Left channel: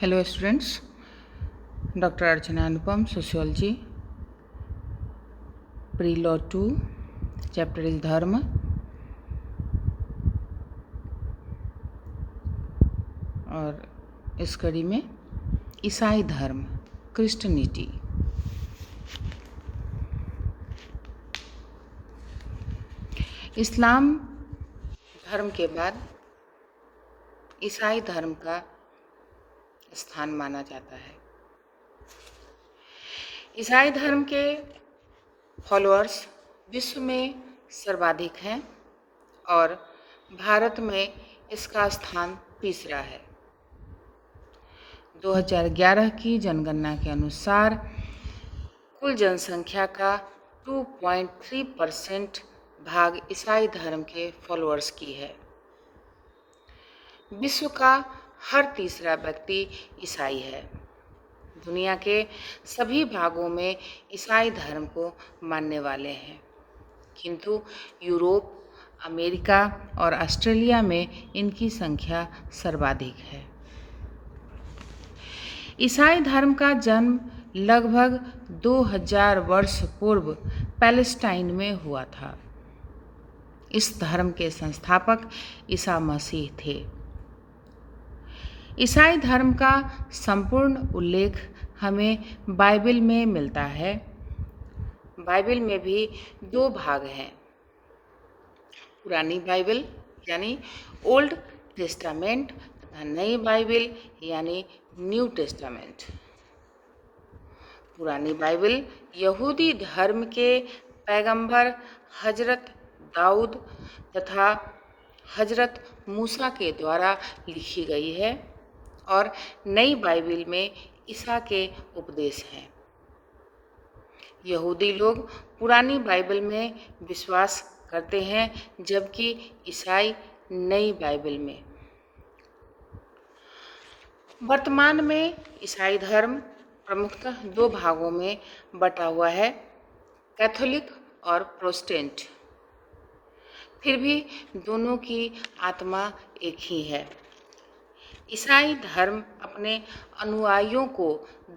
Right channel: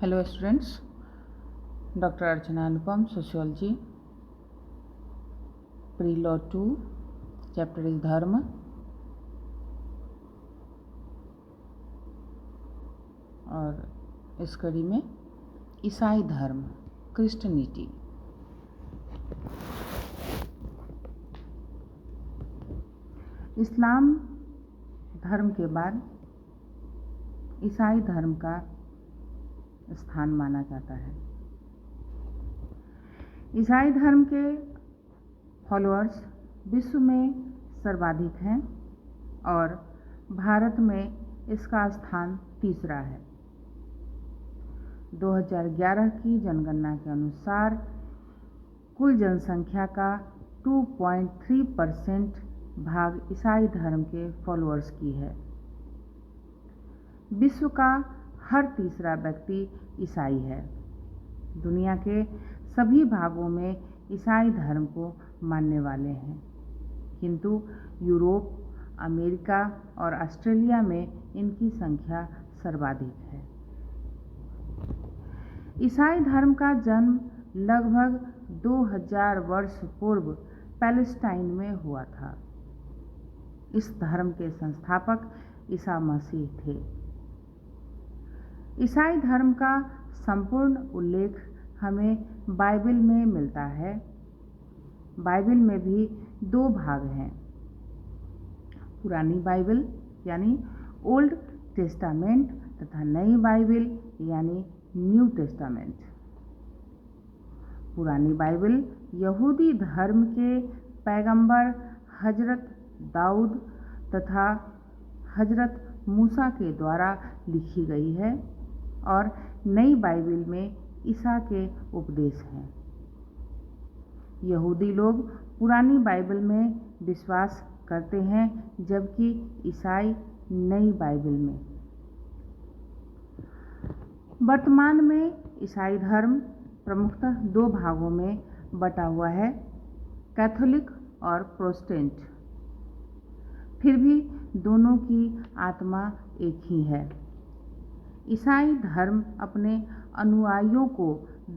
Hello students, Dr. Archana Anupam, Sociology, Pre-Law 2, chapter is Dharma और इस कड़ी में ईसाई धर्म, क्रिश्चियनिटी। इस्लाम धर्म के बाद ईसाई धर्म का स्थान माना जाता है। ईसाई धर्म के फॉलोअर्स विश्व में सर्वाधिक हैं और भारत में इसका स्थान तीसरा है। 2011 की जनगणना के अनुसार कुल जनसंख्या का 2.3% भाग ईसाई धर्म के फॉलोअर्स की है। विश्व का हर तीसरा व्यक्ति ईसाई है। दुनिया के सभी भागों में ईसाई धर्म को मानने वाले हैं, किंतु यूरोप, अमेरिका और ऑस्ट्रेलिया में इनकी संख्या सर्वाधिक है। ईसाई धर्म का जन्म लगभग 2000 वर्ष पूर्व पैलेस्टाइन में हुआ था। इस धर्म के संस्थापक ईसा मसीह थे। ईसाई धर्म का संपूर्ण उल्लेख हमें बाइबल में मिलता है। बाइबल में भी दो भाग हैं, पुरानी बाइबल यानी ओल्ड टेस्टामेंट तथा नई बाइबल यानी न्यू टेस्टामेंट। पुरानी बाइबल यहूदी धर्म के पैगंबर हजरत दाऊद तथा हजरत मूसा के द्वारा लिखी गई है और नई बाइबल में ईसा के उपदेश हैं। यहूदी लोग पुरानी बाइबल में विश्वास करते हैं, जबकि ईसाई नई बाइबल में। वर्तमान में ईसाई धर्म प्रमुखतः दो भागों में बटा हुआ है, कैथोलिक और प्रोटेस्टेंट। फिर भी दोनों की आत्मा एक ही है। ईसाई धर्म अपने अनुयायियों को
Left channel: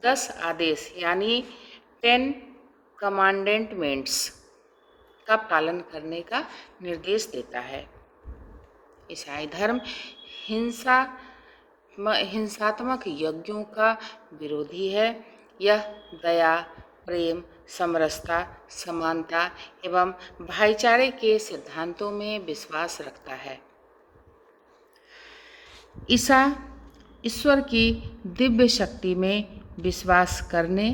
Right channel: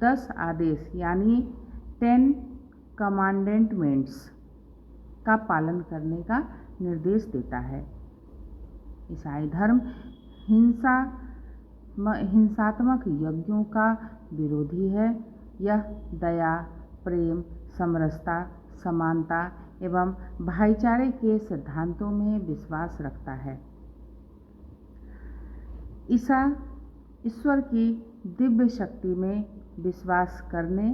10 आदेश यानी 10 कमांडेंटमेंट्स का पालन करने का निर्देश देता है। ईसाई धर्म हिंसात्मक यज्ञों का विरोधी है। यह दया, प्रेम, समरसता, समानता एवं भाईचारे के सिद्धांतों में विश्वास रखता है। ईसा ईश्वर की दिव्य शक्ति में विश्वास करने,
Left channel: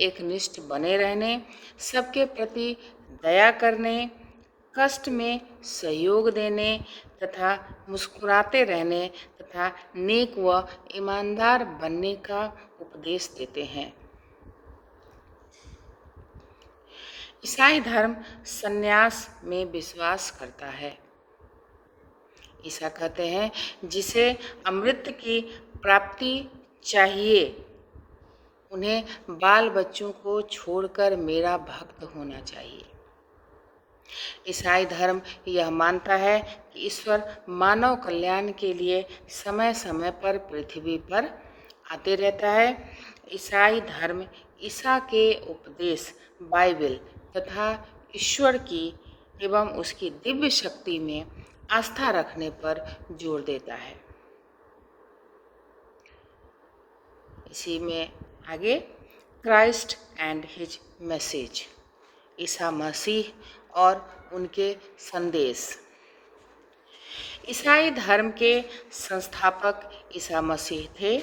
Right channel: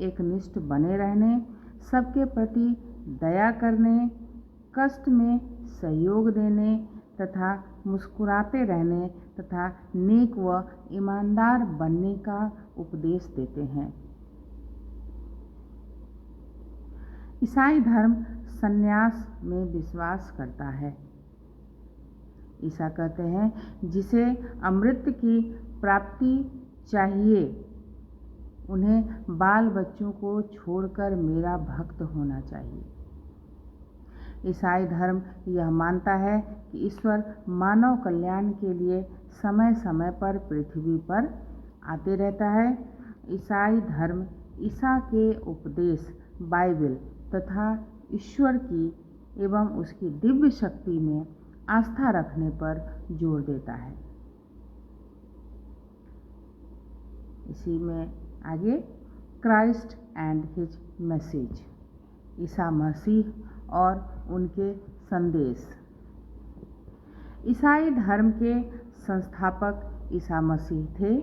एकनिष्ठ बने रहने, सबके प्रति दया करने, कष्ट में सहयोग देने तथा मुस्कुराते रहने तथा नेक व ईमानदार बनने का उपदेश देते हैं। ईसाई धर्म संन्यास में विश्वास करता है। ईसा कहते हैं, जिसे अमृत की प्राप्ति चाहिए उन्हें बाल बच्चों को छोड़कर मेरा भक्त होना चाहिए। ईसाई धर्म यह मानता है कि ईश्वर मानव कल्याण के लिए समय समय पर पृथ्वी पर आते रहता है। ईसाई धर्म ईसा के उपदेश, बाइबल तथा ईश्वर की एवं उसकी दिव्य शक्ति में आस्था रखने पर जोर देता है। इसी में आगे Christ and his message, Isa Masih और उनके संदेश। ईसाई धर्म के संस्थापक ईसा मसीह थे।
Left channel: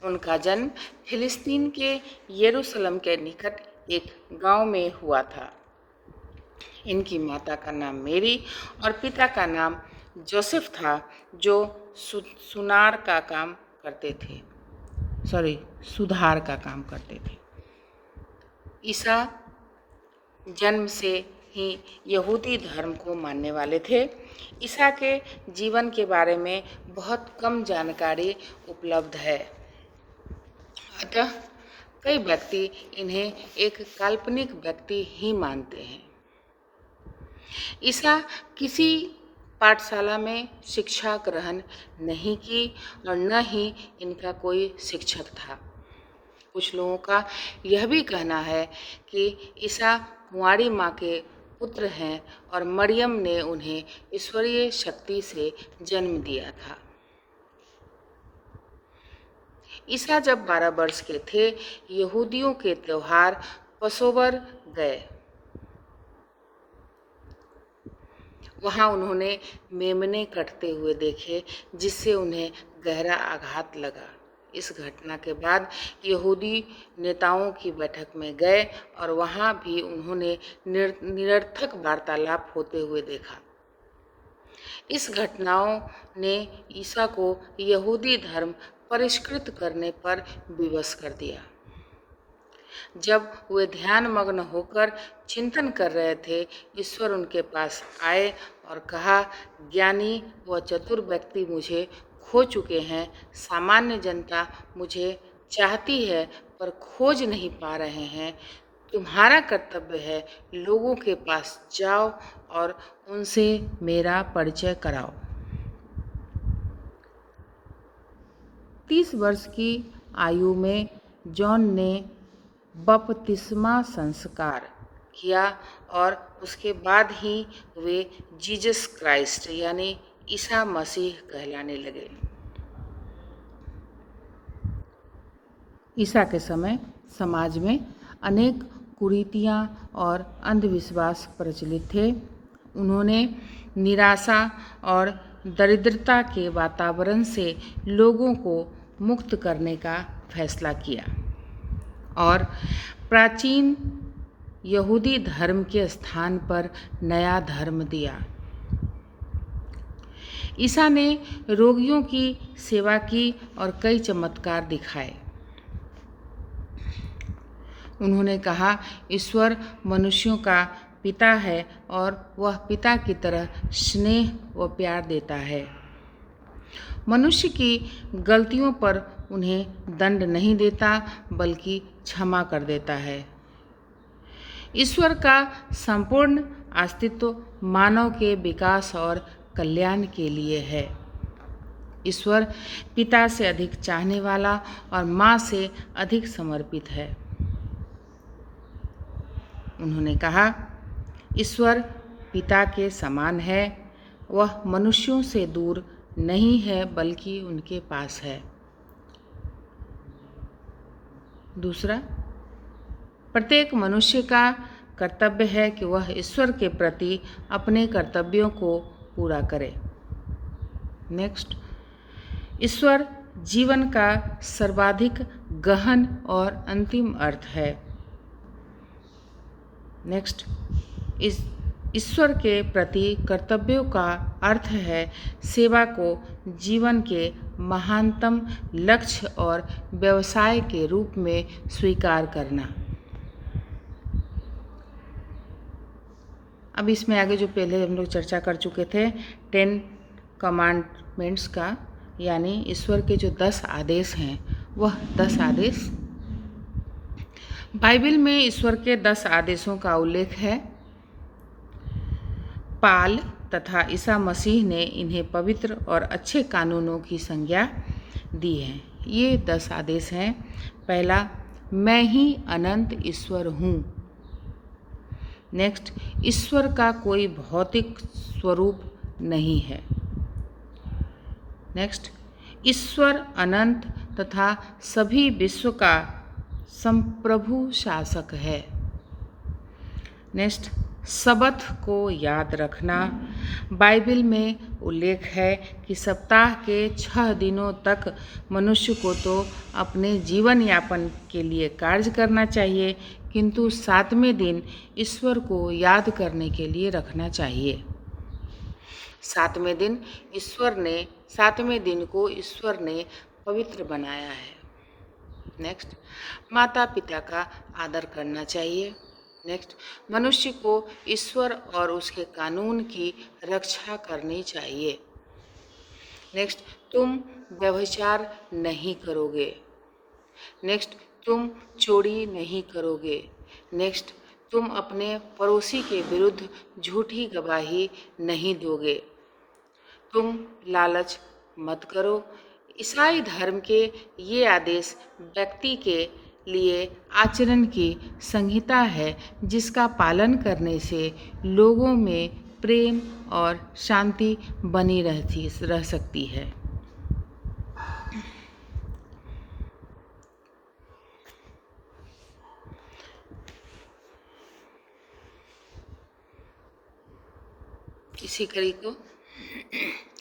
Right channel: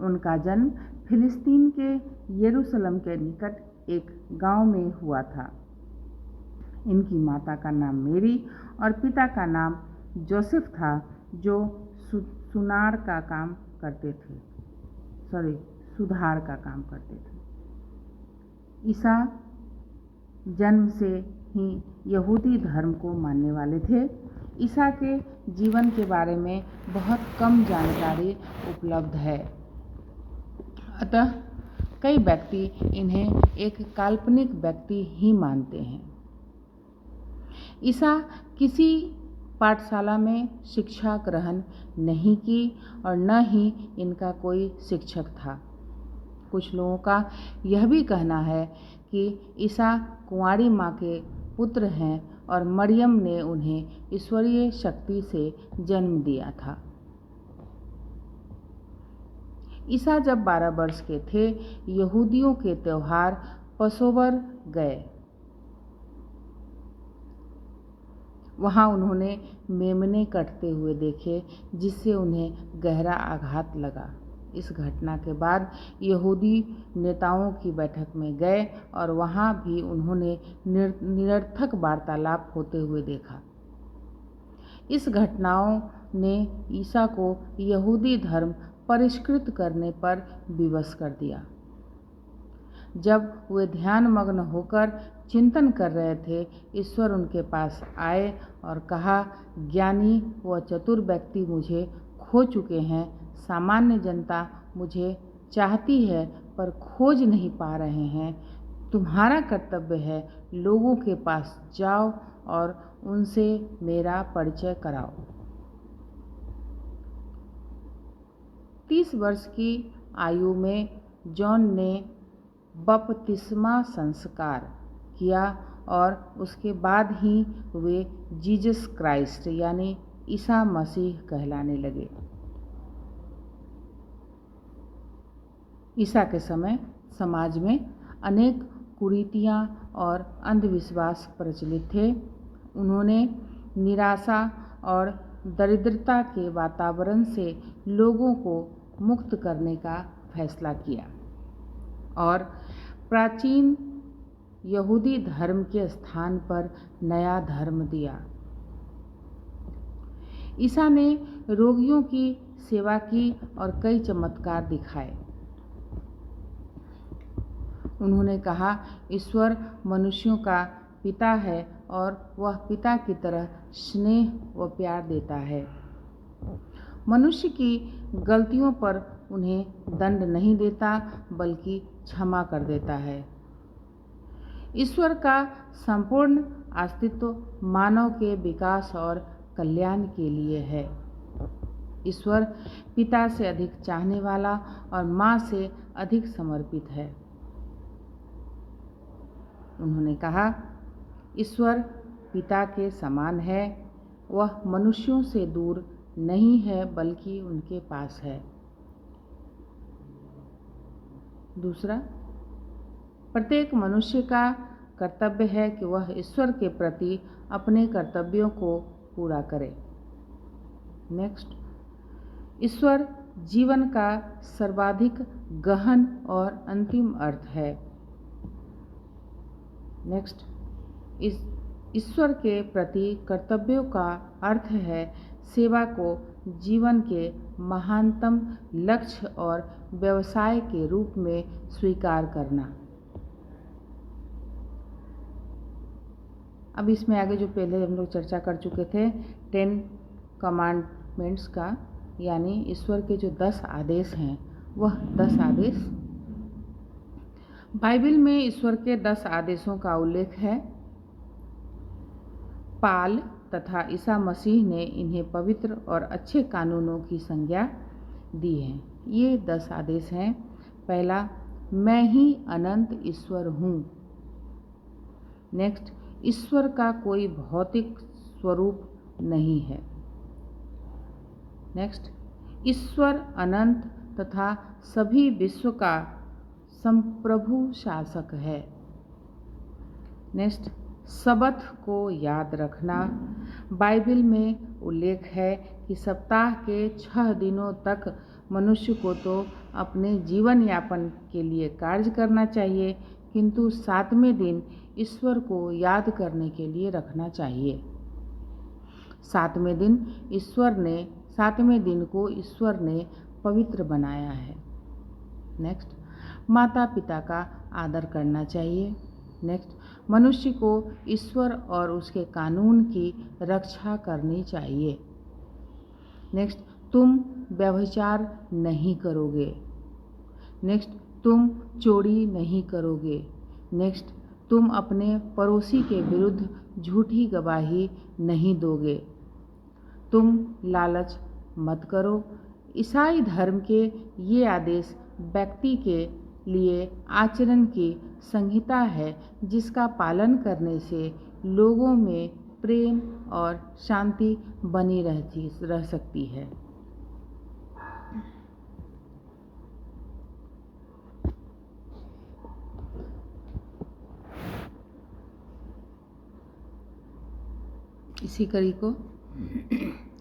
उनका जन्म फिलिस्तीन के यरूशलेम के निकट एक गांव में हुआ था। इनकी माता का नाम मेरी और पिता का नाम जोसेफ था, जो सुधार का काम करते थे। ईसा जन्म से ही यहूदी धर्म को मानने वाले थे। ईसा के जीवन के बारे में बहुत कम जानकारी उपलब्ध है, अतः कई व्यक्ति इन्हें एक काल्पनिक व्यक्ति ही मानते हैं। ईसा किसी पाठशाला में शिक्षा ग्रहण नहीं की और न ही इनका कोई शिक्षक था। कुछ लोगों का यह भी कहना है कि ईसा कुंवारी माँ के पुत्र हैं और मरियम ने उन्हें ईश्वरीय शक्ति से जन्म दिया था। ईसा जब 12 वर्ष के थे, यहूदियों के त्योहार पसोवर गए। वहाँ उन्होंने मेमने कटते हुए देखे, जिससे उन्हें गहरा आघात लगा। इस घटना के बाद यहूदी नेताओं की बैठक में गए और वहाँ भी उन्होंने निरर्थक वार्तालाप होते हुए देखा। इस घटनाओं ने ईसा को यहूदी धर्म परिष्कृत करने पर विवश कर दिया। जब वे ध्यानमग्न होकर चिंतन कर रहे थे, ईश्वर उनके पास आए और कहा, ज्ञानी व चतुर व्यक्ति मुझे खो चुके हैं। सामान्य जनता मुझे चाहती है पर खोज नहीं पा रहे हैं। तुम्हारा कर्तव्य है, लोगों के पास जाओ और उनसे मेरा परिचय कराओ। 30 वर्ष की आयु में जॉन ने बपतिस्मा संस्कार किया और उसके बाद ही वे जीसस क्राइस्ट यानी ईसा मसीह कहलाने लगे। ईसा के समय समाज में अनेक कुरीतियाँ और अंधविश्वास प्रचलित थे। उन्होंने निराशा और दरिद्रता के वातावरण से लोगों को मुक्त करने का फैसला किया और प्राचीन यहूदी धर्म के स्थान पर नया धर्म दिया। ईसा ने रोगियों की सेवा की और कई चमत्कार दिखाए। उन्होंने कहा, ईश्वर मनुष्यों का पिता है और वह पिता की तरह स्नेह व प्यार देता है। मनुष्य की गलतियों पर उन्हें दंड नहीं देता बल्कि क्षमा कर देता है। ईश्वर का संपूर्ण अस्तित्व मानव के विकास और कल्याण के लिए है। ईश्वर पिता से अधिक चाहने वाला और माँ से अधिक समर्पित है। उन्होंने कहा, ईश्वर पिता के समान है। वह मनुष्यों से दूर नहीं है बल्कि उनके पास है। दूसरा, प्रत्येक मनुष्य का कर्तव्य है कि वह ईश्वर के प्रति अपने कर्तव्यों को पूरा करे। नेक्स्ट, ईश्वर जीवन का सर्वाधिक गहन और अंतिम अर्थ है। नेक्स्ट, ईश्वर के प्रति कर्तव्यों का अर्थ है सेवा को जीवन के महानतम लक्ष्य और व्यवसाय के रूप में स्वीकार करना। अब इसमें आगे जो पहले हम लोग चर्चा कर चुके थे 10 कमांडमेंट्स का, यानी ईश्वर के जो 10 आदेश हैं, वह 10 आदेश बाइबल में ईश्वर के 10 आदेशों का उल्लेख है। पाल तथा ईसा मसीह ने इन्हें पवित्र और अच्छे कानूनों की संज्ञा दी है। ये 10 आदेश हैं। पहला, मैं ही अनंत ईश्वर हूँ। नेक्स्ट, ईश्वर का कोई भौतिक स्वरूप नहीं है। नेक्स्ट, ईश्वर अनंत तथा सभी विश्व का संप्रभु शासक है। नेक्स्ट, सबत को याद रखना। बाइबल में उल्लेख है कि सप्ताह के 6 दिनों तक मनुष्य को तो अपने जीवन यापन के लिए कार्य करना चाहिए, किंतु 7वें दिन ईश्वर को याद करने के लिए रखना चाहिए। 7वें दिन को ईश्वर ने पवित्र बनाया है। नेक्स्ट, माता पिता का आदर करना चाहिए। नेक्स्ट, मनुष्य को ईश्वर और उसके कानून की रक्षा करनी चाहिए। नेक्स्ट, तुम व्यभिचार नहीं करोगे। नेक्स्ट, तुम चोरी नहीं करोगे। नेक्स्ट, तुम अपने पड़ोसी के विरुद्ध झूठी गवाही नहीं दोगे। तुम लालच मत करो। ईसाई धर्म के ये आदेश व्यक्ति के लिए आचरण की संहिता है जिसका पालन करने से लोगों में प्रेम और शांति बनी रह सकती है। इसी कड़ी को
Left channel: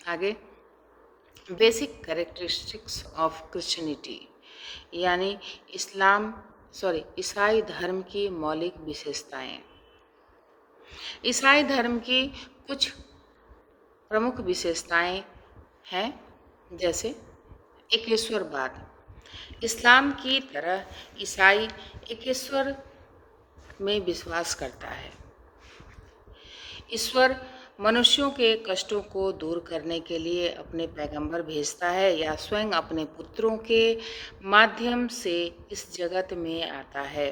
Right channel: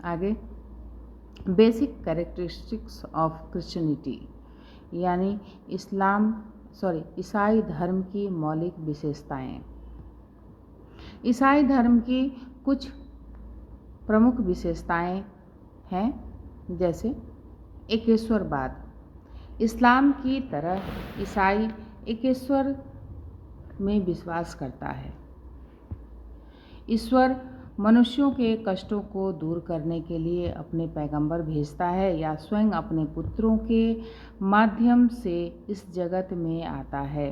आगे बेसिक कैरेक्टरिस्टिक्स ऑफ क्रिश्चियनिटी यानी ईसाई धर्म की मौलिक विशेषताएं। ईसाई धर्म की कुछ प्रमुख विशेषताएं हैं, जैसे एकेश्वरवाद। इस्लाम की तरह ईसाई एकेश्वर में विश्वास करता है। ईश्वर मनुष्यों के कष्टों को दूर करने के लिए अपने पैगंबर भेजता है या स्वयं अपने पुत्रों के माध्यम से इस जगत में आता है।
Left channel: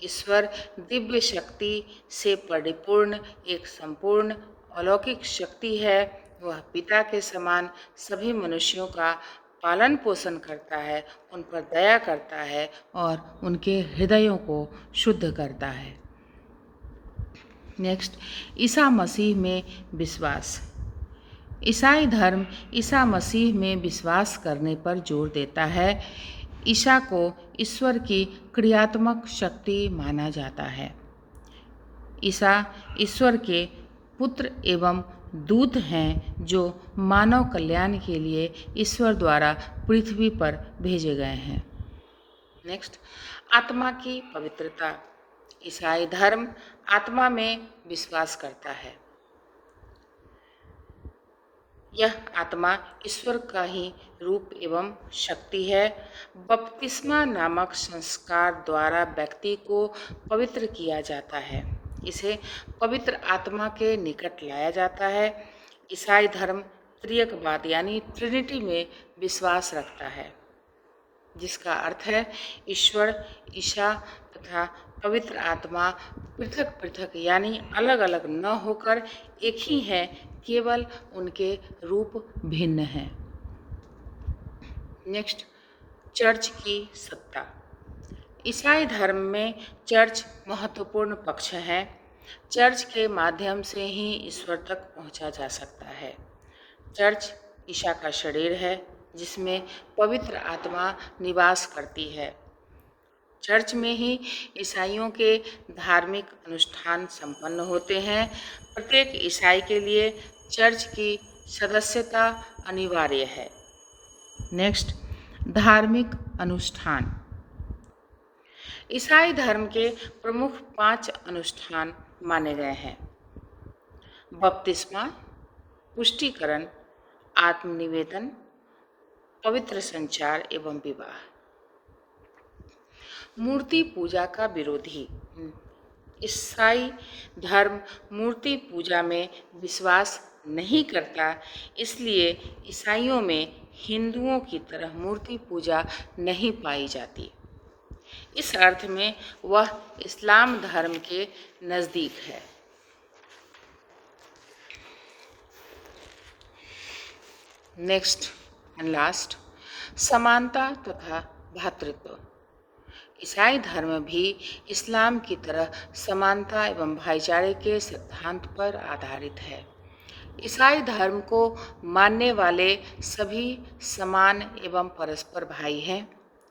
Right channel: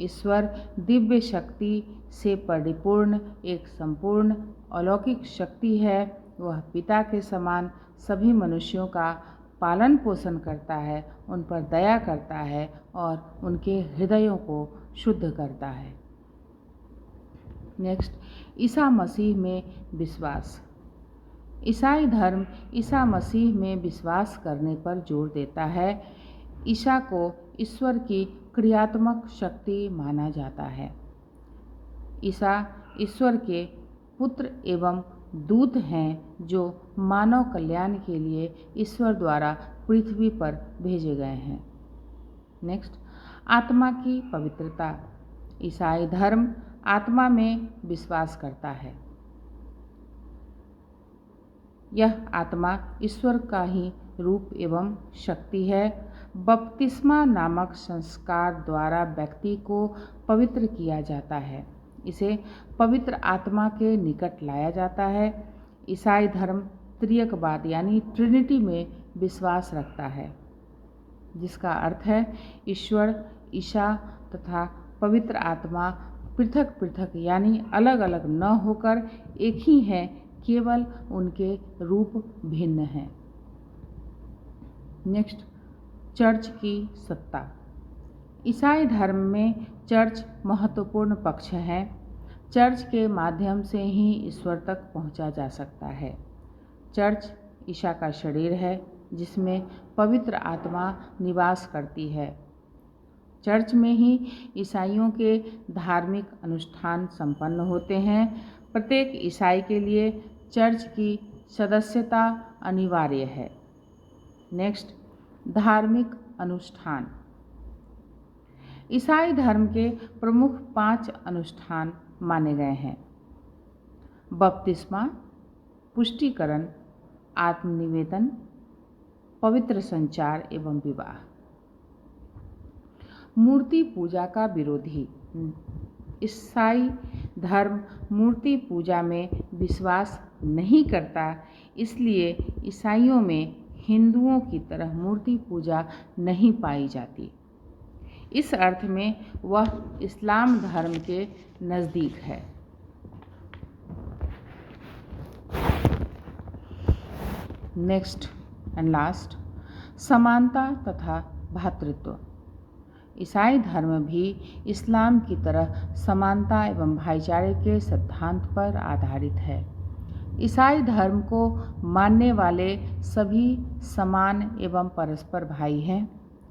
ईश्वर दिव्य शक्ति से परिपूर्ण एक संपूर्ण अलौकिक शक्ति है। वह पिता के समान सभी मनुष्यों का पालन पोषण करता है, उन पर दया करता है और उनके हृदयों को शुद्ध करता है। नेक्स्ट, ईसा मसीह में विश्वास। ईसाई धर्म ईसा मसीह में विश्वास करने पर जोर देता है। ईसा को ईश्वर की क्रियात्मक शक्ति माना जाता है। ईसा ईश्वर के पुत्र एवं दूत हैं जो मानव कल्याण के लिए ईश्वर द्वारा पृथ्वी पर भेजे गए हैं। नेक्स्ट, आत्मा की पवित्रता। ईसाई धर्म आत्मा में विश्वास करता है। यह आत्मा ईश्वर का ही रूप एवं शक्ति है। बपतिस्मा नामक संस्कार द्वारा व्यक्ति को पवित्र किया जाता है। इसे पवित्र आत्मा के निकट लाया जाता है। ईसाई धर्म त्रियकवाद यानी ट्रिनिटी में विश्वास रखता है, जिसका अर्थ है ईश्वर, ईसा तथा पवित्र आत्मा पृथक पृथक यानी अलग अलग न होकर एक ही हैं, केवल उनके रूप भिन्न हैं। नेक्स्ट, चर्च की सत्ता। ईसाई धर्म में चर्च महत्वपूर्ण पक्ष है। चर्च के माध्यम से ही ईश्वर तक पहुंचा जा सकता है। चर्च ईसा का शरीर है जिसमें पवित्र आत्मा निवास करती है। चर्च में ही ईसाइयों के धार्मिक अनुष्ठान संपन्न होते हैं। प्रत्येक ईसाई के लिए चर्च की सदस्यता अनिवार्य है। नेक्स्ट, धार्मिक अनुष्ठान। ईसाई धर्म के प्रमुख 5 अनुष्ठान माने गए हैं: बपतिस्मा, पुष्टिकरण, आत्मनिवेदन, पवित्र संचार एवं विवाह। मूर्ति पूजा का विरोधी। ईसाई धर्म मूर्ति पूजा में विश्वास नहीं करता, इसलिए ईसाइयों में हिंदुओं की तरह मूर्ति पूजा नहीं पाई जाती। इस अर्थ में वह इस्लाम धर्म के नज़दीक है। नेक्स्ट एंड लास्ट, समानता तथा भ्रातृत्व। ईसाई धर्म भी इस्लाम की तरह समानता एवं भाईचारे के सिद्धांत पर आधारित है। ईसाई धर्म को मानने वाले सभी समान एवं परस्पर भाई हैं।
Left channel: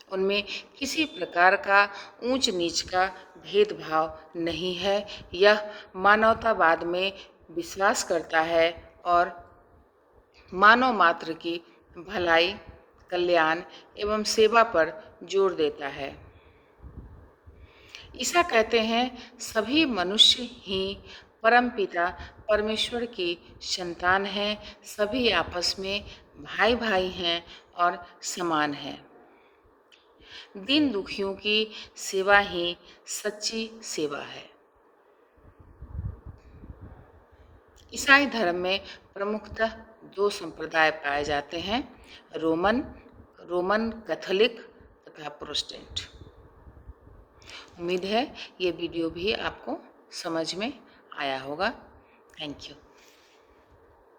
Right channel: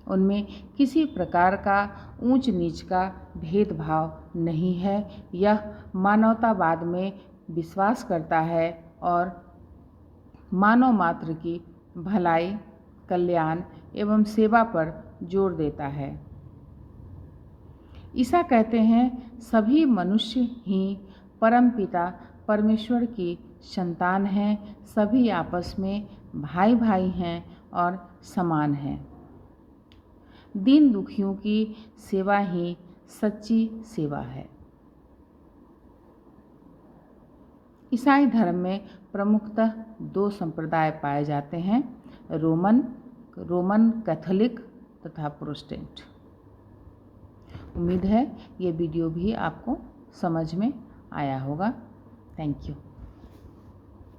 उनमें किसी प्रकार का ऊंच नीच का भेदभाव नहीं है। यह मानवतावाद में विश्वास करता है और मानव मात्र की भलाई, कल्याण एवं सेवा पर जोर देता है। ईसा कहते हैं सभी मनुष्य ही परमपिता परमेश्वर की संतान हैं, सभी आपस में भाई भाई हैं और समान हैं। दीन दुखियों की सेवा ही सच्ची सेवा है। ईसाई धर्म में प्रमुखतः 2 संप्रदाय पाए जाते हैं: रोमन कैथोलिक तथा प्रोटेस्टेंट। उम्मीद है ये वीडियो भी आपको समझ में आया होगा। Thank you.